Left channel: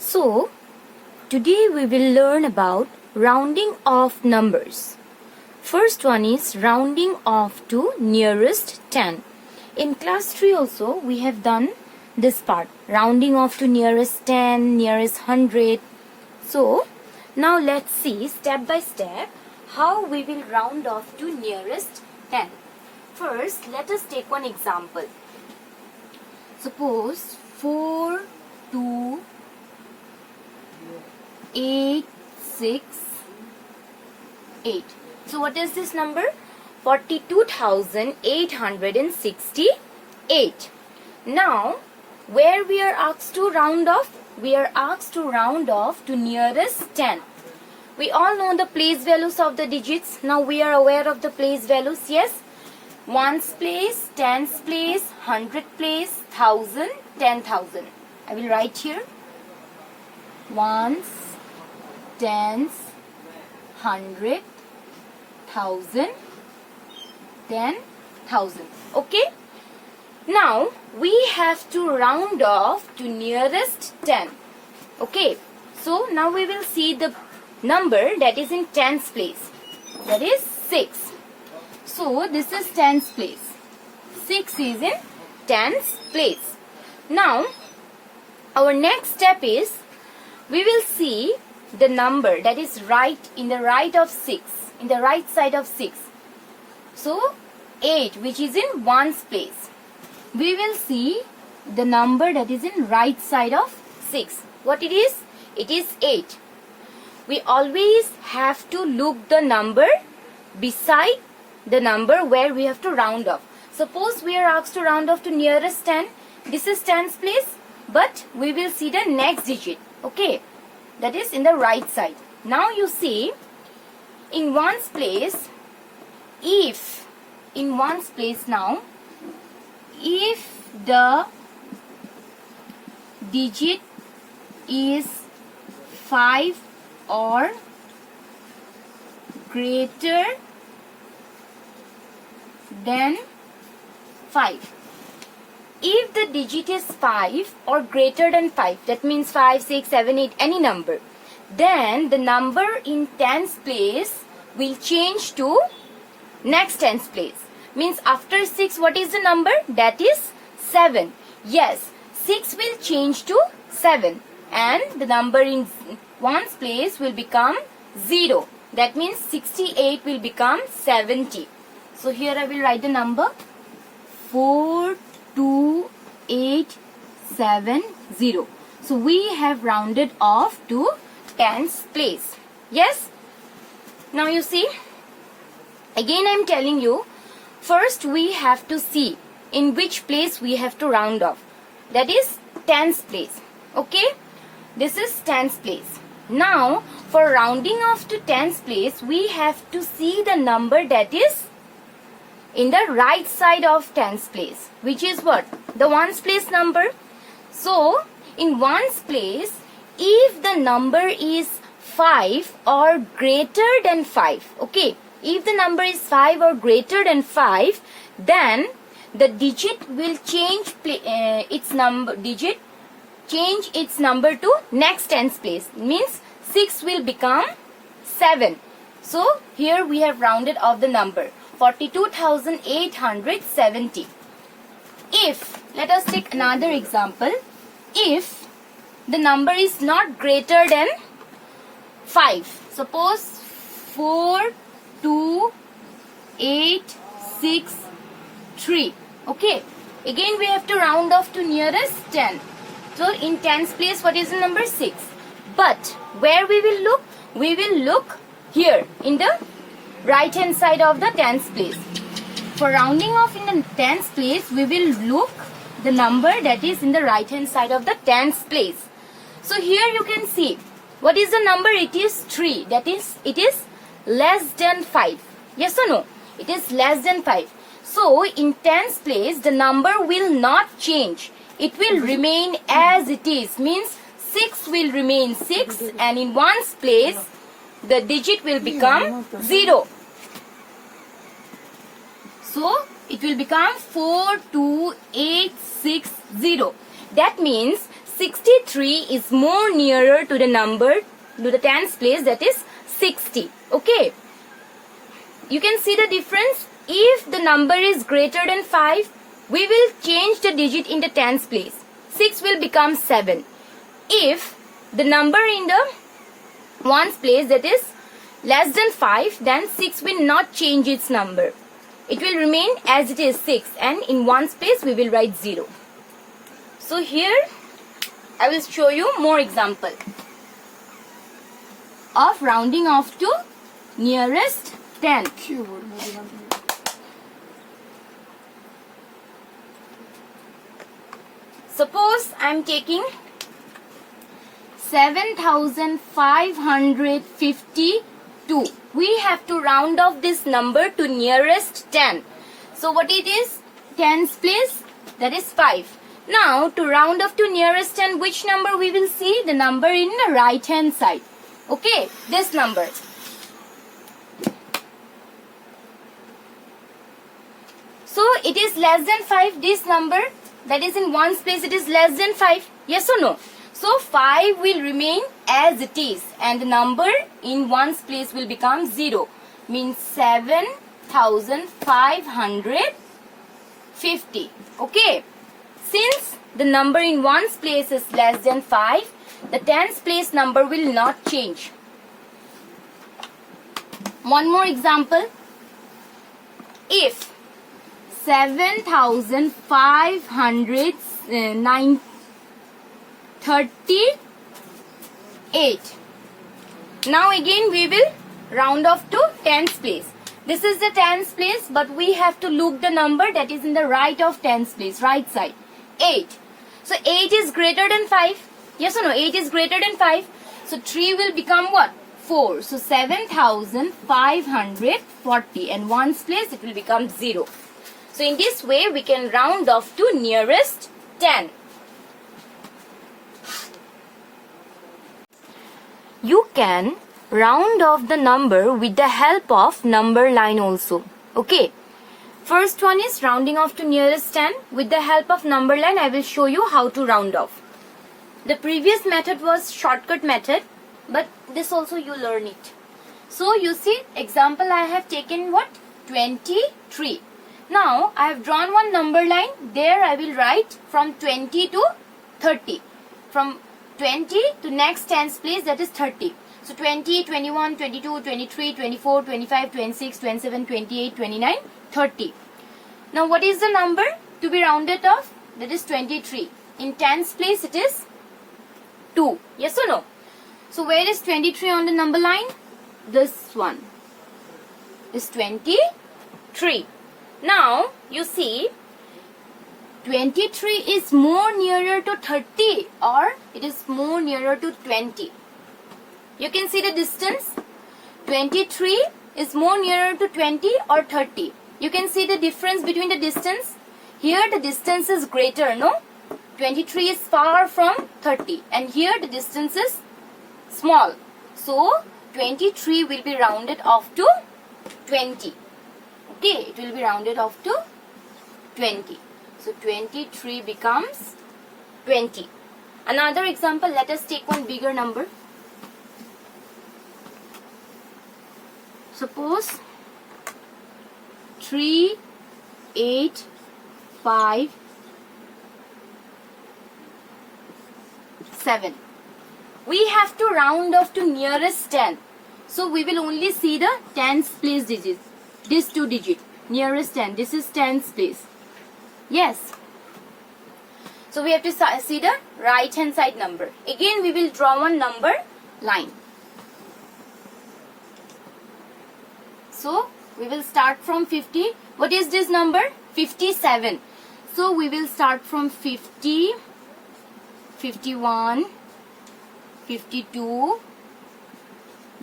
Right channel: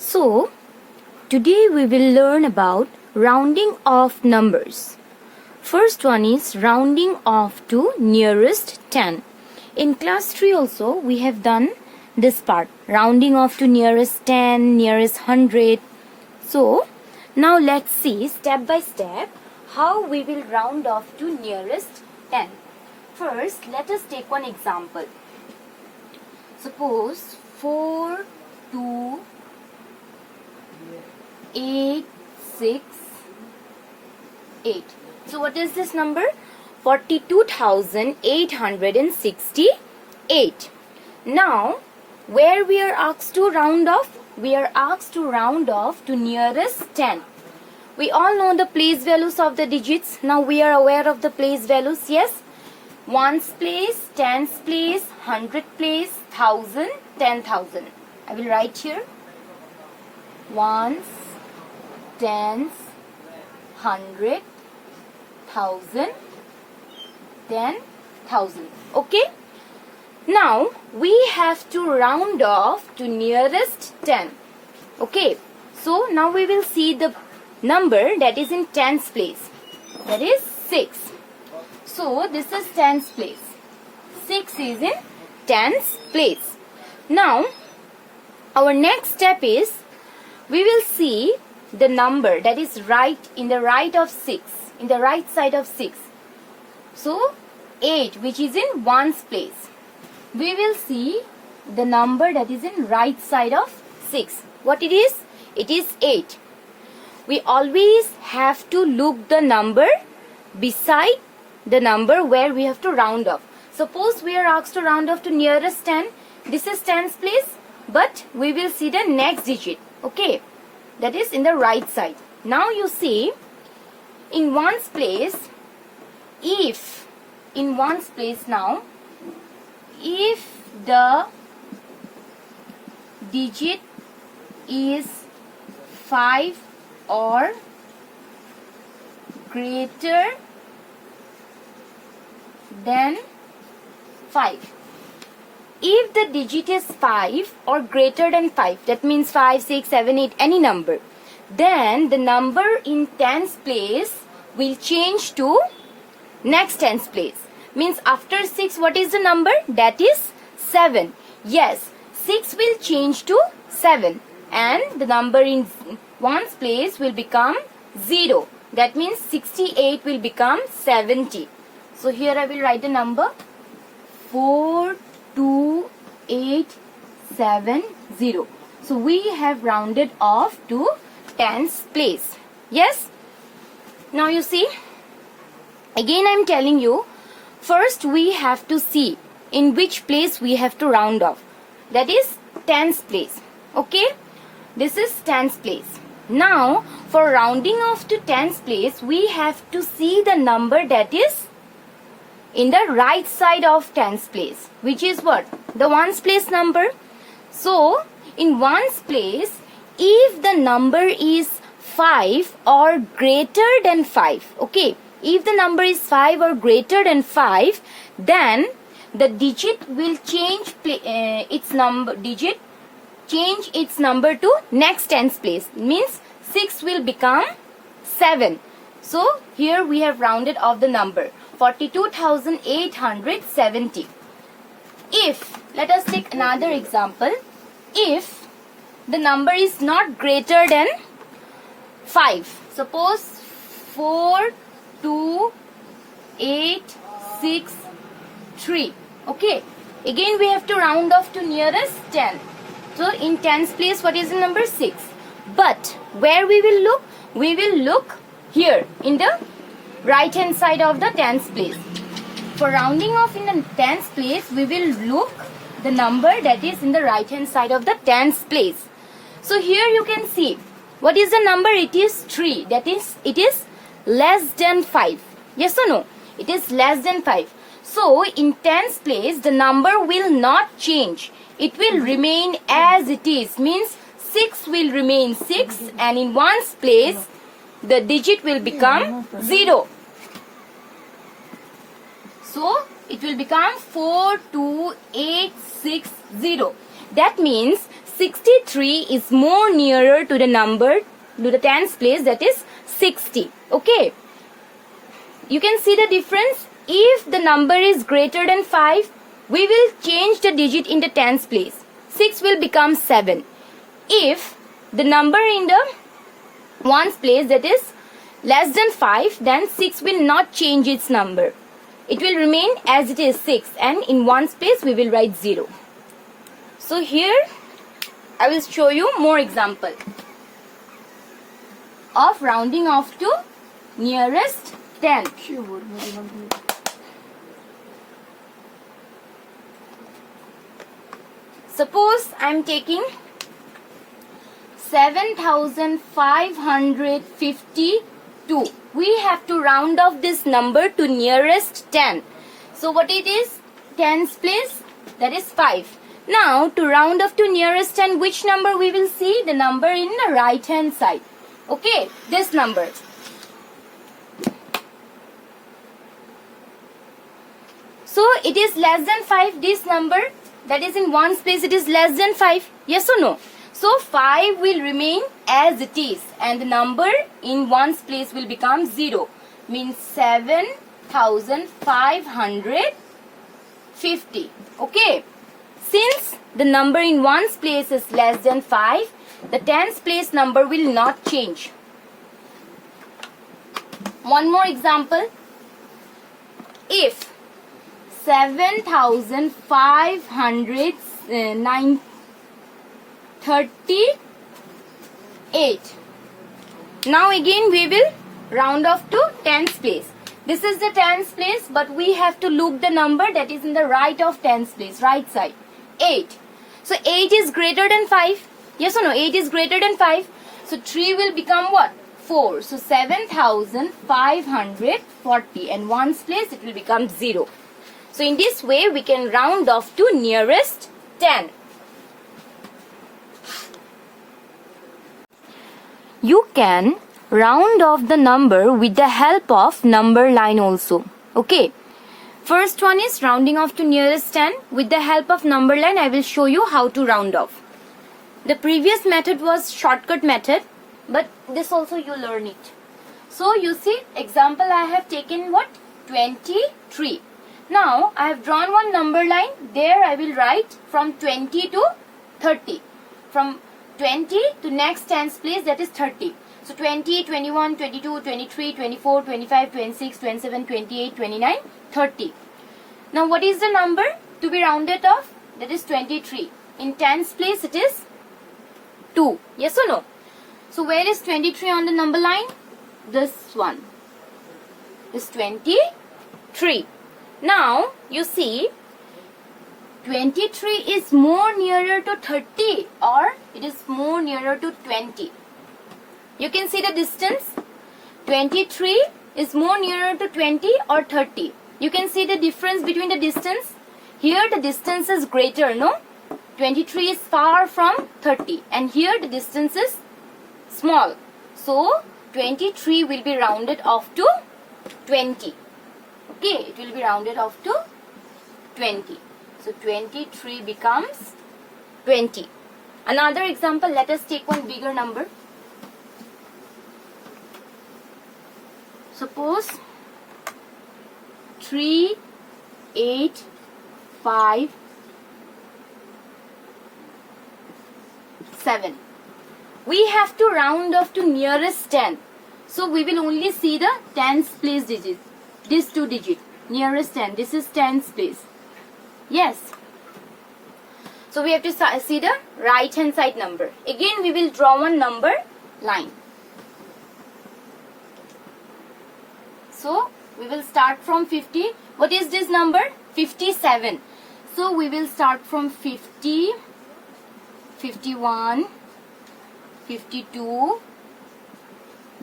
So, today we will learn about rounding off numbers. First one is rounding off to nearest 10. In class 3 also we have done this part, rounding off to nearest 10, nearest 100. So, now let's see step by step how we will round off to nearest 10. First, let us take one example. Suppose 4, 2, 8, 6, 8. So what is this number? 42,868. Now, where we are asked to round off? We are asked to round off to nearest 10. We all know the place values of the digits. Now we are aware of the place values. Yes. Ones place, tens place, 100 place, 1000, 10,000. I will write here. Ones, tens, 100, 1000, 10,000. Okay. Now we have to round off to nearest 10. Okay. So now we will see the number that is in tens place. That is 6. So this is tens place. 6 is in tens place. Now our next step is we will see the number that is right in the right of 6, in the right side of 6. So 8, which is in ones place. We will see the number that is in right side of 6. What it is? It is 8. We always have to look the number beside the number where we have to round off. Suppose we are asked to round off to nearest 10. This is tens place, but we will see the next digit. Okay, that is in the right side. Now you see, in ones place, if in ones place now, if the digit is 5 or greater than 5. If the digit is 5 or greater than 5, that means 5, 6, 7, 8, any number, then the number in tens place will change to next tens place. Means after 6, what is the number? That is 7. Yes, 6 will change to 7 and the number in ones place will become 0. That means 68 will become 70. So here I will write the number 42870. So we have rounded off to tens place. Yes. Now you see, again I am telling you, first we have to see in which place we have to round off. That is tens place. Okay. This is tens place. Now for rounding off to tens place, we have to see the number that is in the right side of tens place, which is what? The ones place number. So in ones place, if the number is 5 or greater than 5, okay, if the number is 5 or greater than 5, then the digit will change its number to next tens place. Means 6 will become 7. So here we have rounded off the number 42,870. If, let us take another example, if the number is not greater than 5, suppose 4, 2, 8, 6, 3. Okay, again we have to round off to nearest 10. So in tens place, what is the number? 6. But where we will look? We will look here in the right hand side of the tens place. For rounding off in the tens place, we will look the number that is in the right hand side of the tens place. So here you can see what is the number? It is 3. That is, it is less than 5. Yes or no? It is less than 5. So in tens place, the number will not change. It will remain as it is. Means 6 will remain 6 and in ones place, the digit will become 0. So it will become 42860. That means 63 is more nearer to the number, to the tens place, that is 60. Okay. You can see the difference. If the number is greater than 5, we will change the digit in the tens place. 6 will become 7. If the number in the ones place, that is less than 5, then 6 will not change its number. It will remain as it is 6, and in ones place we will write 0. So here I will show you more example of rounding off to nearest 10. Suppose I am taking 7552. We have to round off this number to nearest 10. So what it is? Tens place, that is 5. Now to round off to nearest 10, which number we will see? The number in the right hand side. Okay, this number. So it is less than 5, this number, that is in ones place, it is less than 5. Yes or no? So 5 will remain as it is, and the number in ones place will become 0. Means 7550. Okay. Since the number in ones place is less than 5, the tens place number will not change. One more example. If 7538. Now again we will round off to tens place. This is the tens place, but we have to look the number that is in the right of tens place, right side. 8. So 8 is greater than 5. Yes or no? 8 is greater than 5. So 3 will become what? 4. So 7540, and ones place it will become 0. So in this way we can round off to nearest 10. You can round off the number with the help of number line also. Okay. First one is rounding off to nearest 10. With the help of number line, I will show you how to round off. The previous method was shortcut method, but this also you learn it. So you see, example I have taken what? 23. Now I have drawn one number line. There I will write from 20 to 30. From 20 to next tens place, that is 30. So 20, 21, 22, 23, 24, 25, 26, 27, 28, 29, 30. Now what is the number to be rounded off? That is 23. In tens place it is 2. Yes or no? So where is 23 on the number line? This one is 23. Now you see 23 is more nearer to 30 or it is more nearer to 20. You can see the distance. 23 is more nearer to 20 or 30. You can see the difference between the distance. Here the distance is greater, no? 23 is far from 30, and here the distance is small. So 23 will be rounded off to 20. Okay, it will be rounded off to 20. So 23 becomes 20. Another example, let us take one bigger number. Suppose 3, 8, 5, 7. We have to round off to nearest 10. So we will only see the tens place digit. These two digits. Nearest 10. This is tens place. Yes. So we have to see the right hand side number. Again we will draw one number line. So we will start from 50. What is this number? 57. So we will start from 50, 51, 52,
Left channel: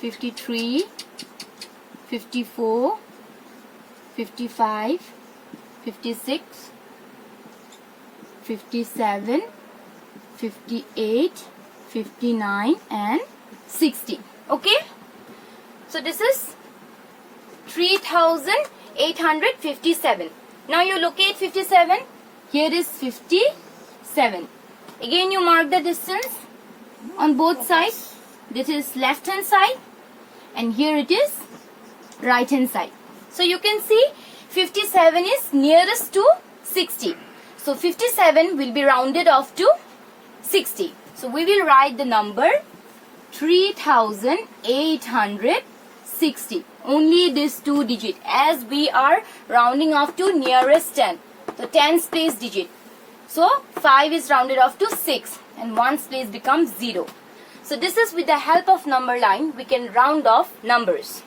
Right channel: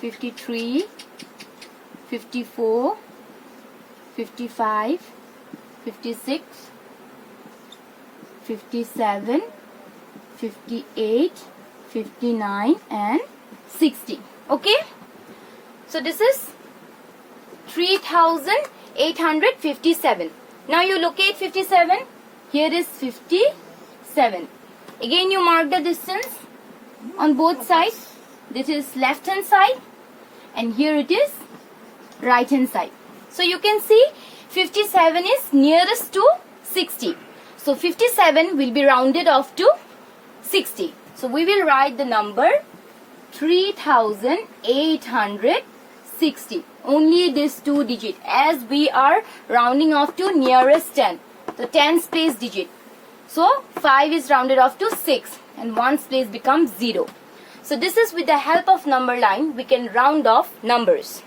53, 54, 55, 56, 57, 58, 59 and 60. Okay. So this is 3857. Now you locate 57. Here is 57. Again you mark the distance on both sides. This is left hand side and here it is right hand side. So you can see 57 is nearest to 60. So 57 will be rounded off to 60. So we will write the number 3860. Only this 2 digit, as we are rounding off to nearest 10, the tens place digit. So 5 is rounded off to 6 and 1's place becomes 0. So this is with the help of number line we can round off numbers.